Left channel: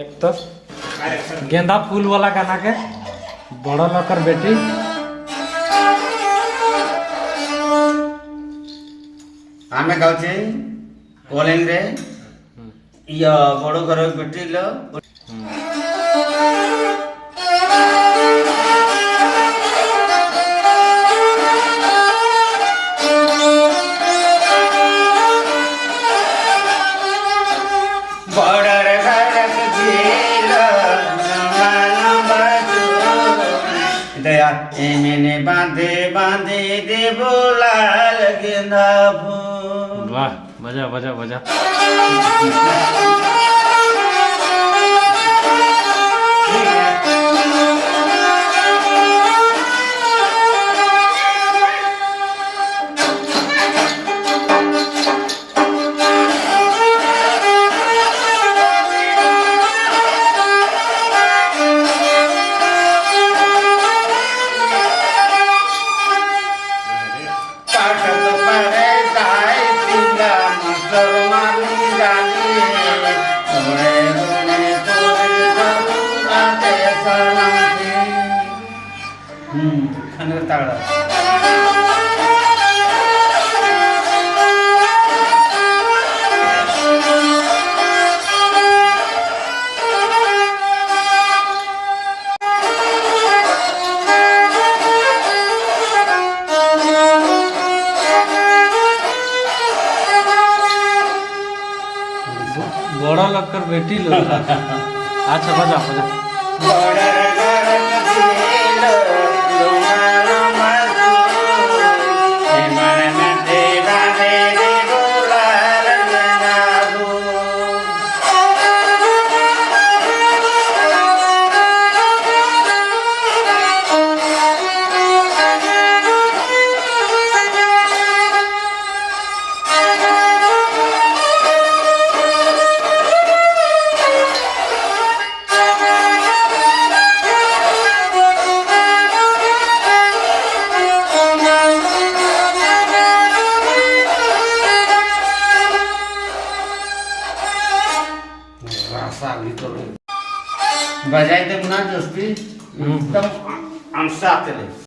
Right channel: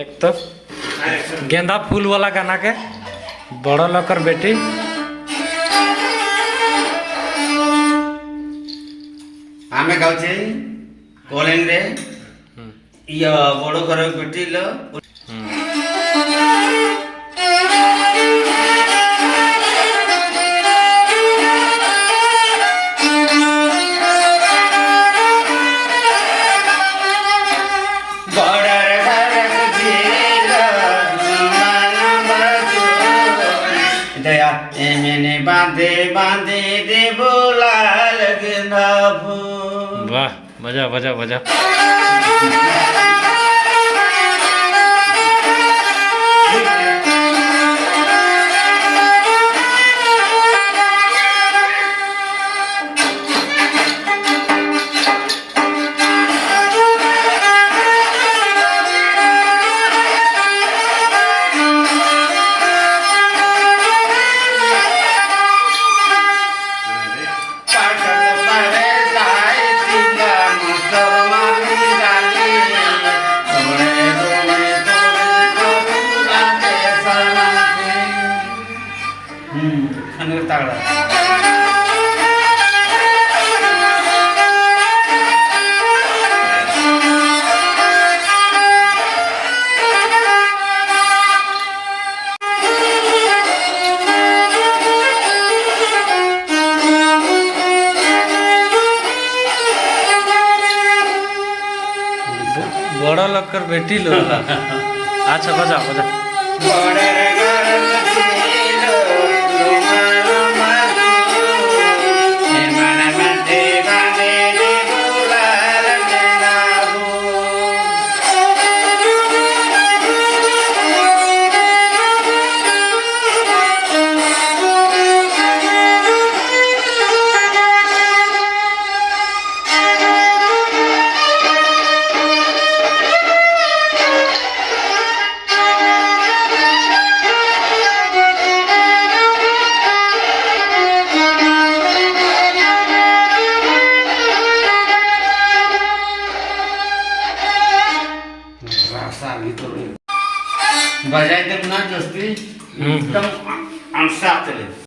एक तो गेंदा फूल वाला गाना के बड़ा लकर बेटी आमे गाउछे कॉलिंग रे या बड़ो घर बेटी लो दया मैंने बांधे बांधे दे बोला लगना फूल। वाह बजा बजा बजा। तगड़ा बड़ा लकर बेटी लो। अच्छा बजा बजा। बजाई ते पुन्हा जास्ती एकदम अंशात